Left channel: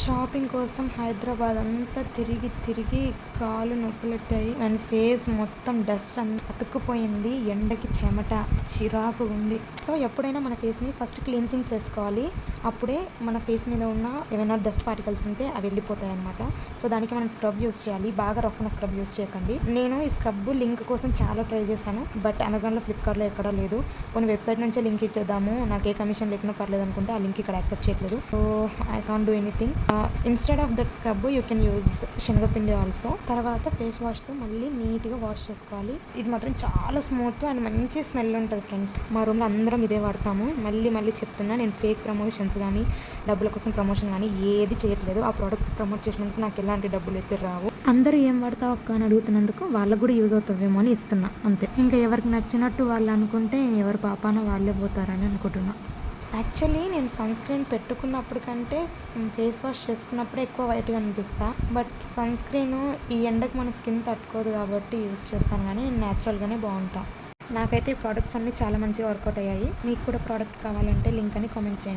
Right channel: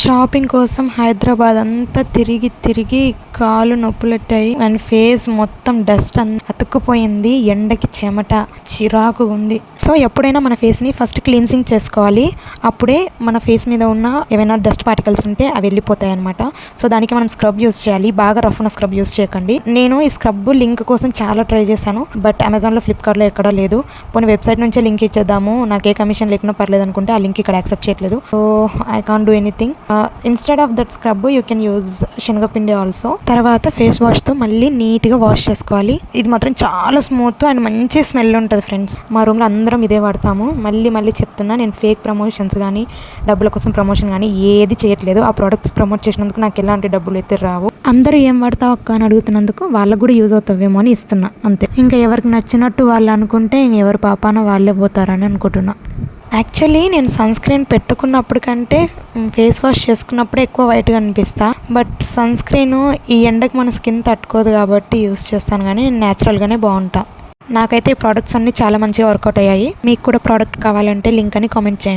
Shopping కోసం హైదరాబాద్ అంతా తిరిగి తిరిగి కాలు నొప్పులెట్టాయి అండ్ ఫేస్ మొత్తం డస్ట్ అతుక్కుపోయింది. ఎండకి చెమట చిరాకు ఉంది. సో ఎప్పుడైనా మన ఫేస్ని ఫస్ట్ క్లీన్సింగ్ చేసుకోవాలి. అప్పుడే మన ఫేస్ మీద ఉన్న ఏమైనా డస్ట్ పార్టికల్స్ ఉంటే అవి వెళ్ళిపోతాయి అనమాట. సో దానికి మనం స్క్రబ్ యూస్ చేయాలి. బాగా రఫ్ ఉన్న స్క్రబ్ యూస్ చేయకండి. నేను ఈ స్క్రబ్ లింక్ కోసం చాలా ట్రై చేశాను. బట్ అమెజాన్లో, ఫ్లిప్కార్ట్లో ఎక్కడా లేదు. పోనీ వెబ్సైట్ నుంచే లింక్ ఇచ్చేద్దాము, నాకే కమిషన్ లేకుండా పర్లేదు అనుకుంటే ఆ లింక్ ఇక్కడ యాక్సెప్ట్ చేయట్లేదు. So I can't do anything. Instead of that scrub you can use శనగపిండి ఆల్సో. తర్వాత ఫేస్ వాష్తో మళ్ళీ నీట్గా వాష్ చేసుకోవాలి. ఇది మాత్రం చాలా స్మూత్ అండ్ మంచి స్మెల్ ఉంటుంది ఫ్రెండ్స్. మా రూమ్లో అందరం ఇదే వాడతాము. మళ్ళీ చెప్తున్నా, నేను ఫేక్ ప్రమోషన్స్ కానీ డబ్బుల కోసం ప్రమోషన్ కానీ ఏది చేయట్లేదు. ఆ ప్రోడక్ట్స్ ప్రమోట్ చేసినందుకు నాకు ఎలాంటి డబ్బులు అయితే రావు. అందరూ ఏం వాడతావు అక్క అని అడుగుతున్నందుకు వాళ్ళకు కూడా యూజ్ అవుతావేమో అని ఇస్తున్నా అంతే. ఇంకా ఎవరికి నచ్చినట్టు వాళ్ళు అనుకుంటే ఎవరు పాపాన వాళ్ళే పోతారని అనుకుంటున్నా. యాక్చువల్లీ నేను సన్ స్క్రీన్ పెట్టుకున్నప్పుడు కంటే ఫేస్ వాష్ చేసుకున్నప్పుడే ఎక్కువ వైట్గా అనిపిస్తా. బట్ సన్ స్క్రీన్ ఈ ఎండకు మన స్కిన్ తట్టుకోదు కాబట్టి యూస్ చేస్తాను, కానీ నేను న్యాచురల్గానే బాగుంటా. నాకైతే ఈ ప్రోడక్ట్స్ అన్నీ చాలా మంచిగా వర్కౌట్ అయ్యాయి. మీకు కూడా ప్రోడక్ట్ కావాలంటే లింక్ అని కామెంట్ చేయండి.